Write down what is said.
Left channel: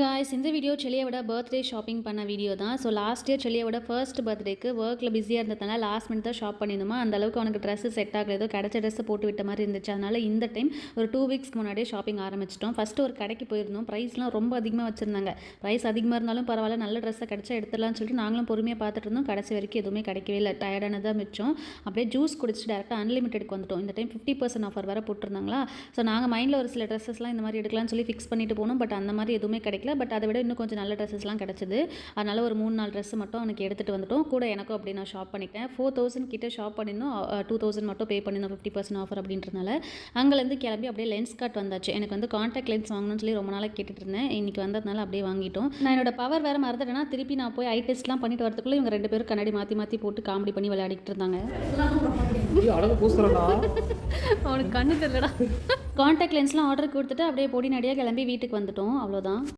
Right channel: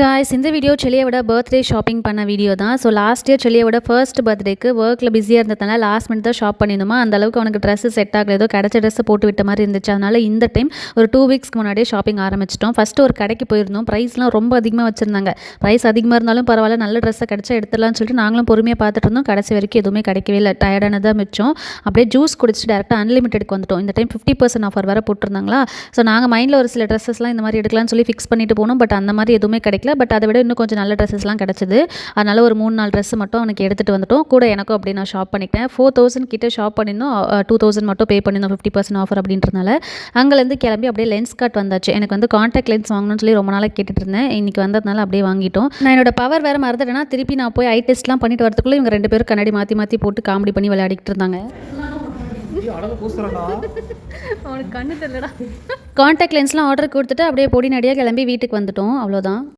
Guys இந்த video செல்லியோட birthday shopping பண்ண video தான். ஸோ லாஸ்ட் இயர் செல்லியோட ஃபர்ஸ்ட் பர்த்டேக்கு ஒர்க்கில் பிஸியாக இருந்ததுனால லாஸ்ட் மினிட் தான் ஷாப் பண்ணியிருந்தோமா. அந்த அளவுக்கு அவனுக்கு ட்ரெஸ்ஸு செட் ஆகல, ஏதோ கிடச்ச ட்ரெஸ்ஸை போட்டு விட்ட மாதிரி இருந்துச்சு. அதனால் இந்த டைம் ஒரு 2 வீக்ஸ்க்கு முன்னாடியே ஷாப்பிங் ஆரம்பிச்சிட்டோம். ஃபஸ்ட்டு ஒரு கடைக்கு போயிருந்தோம். ப்ரைஸ்லாம் ரொம்ப அதிகமாக வச்சுருந்தாங்க. ப்ரைஸ் அதிகமாக இருந்தாலும் பரவாயில்ல, நல்ல ட்ரெஸ்ஸை கிடச்சா எடுத்துடலாம்னு சொல்லிட்டு நாங்களும் பொறுமையாக பார்த்துட்டு இருந்தோம். கடைசி வரைக்கும் எதுவுமே கிடைக்கவே இல்லை. டயர்டானதாக மிச்சம். அப்படியே ஜூஸ் குடிச்சிட்டு டேரெக்டாக அன்லிமிட்டெடுக்கு வந்துட்டோம். இந்த டைம் 50% ஆஃபர் வேறு போட்டிருந்தாங்களா. ஸோ நாங்கள் மைண்டில் ஒரு சில ட்ரெஸ்ஸஸ்லாம் இந்த மாதிரி எடுக்கலாம்னு சொல்லி ஃபிக்ஸ் பண்ணிட்டு போனோம். பட் அந்த மாதிரி எதுவுமே கிடைக்கல. பட் அதை விட இன்னும் கொஞ்சம் நல்ல ட்ரெஸ்ஸஸ்லாம் கிடச்சிது. அதனால் ஒரு 3-4 ட்ரெஸ்ஸு மட்டும் அவனுக்கு எடுத்துகிட்டு வந்துட்டோம். கூட எனக்கும் அப்படி நான் ஷாப் பண்ணிக்கிட்டேன். 4000 கிட்டே ஷாப் பண்ணியிருந்தோம். 2000 மட்டும் பே பண்ணியிருந்தோம் 50% ஆஃபர் அப்படின்றனால. அங்கேருந்து கிளம்பி அப்படியே லென்ஸ் கார்ட் வந்தாச்சு. எனக்கு வந்து கான்டாக்ட் லென்ஸ் வாங்கணும்னு சொல்லி ரொம்ப நாளாக கேட்டுட்டு இருந்தேன். இன்றைக்கி வந்ததுனால அப்படியே வாங்கிட்டோம். நான் என்னோட பவர் வேறு மறந்துட்டேன்னா திருப்பி நான் போய் ஐ டெஸ்ட்லாம் பண்ணிட்டு வரதுக்குள்ளே இவங்க 2 பேரும் கண்ணாடி மாற்றி மாற்றி போட்டு காமெடி பண்ணி விளையாடிக்கிட்டு இருந்தாங்க. அவனுக்கு கண்ணு தெரியலடா. கான்டாக்ட் லென்ஸ்லாம் ஆர்டர் கொடுத்துட்டு அப்படியே பொடி நடியாக கிளம்பி வீட்டுக்கு வந்துட்டோம். அவ்வளோதான்.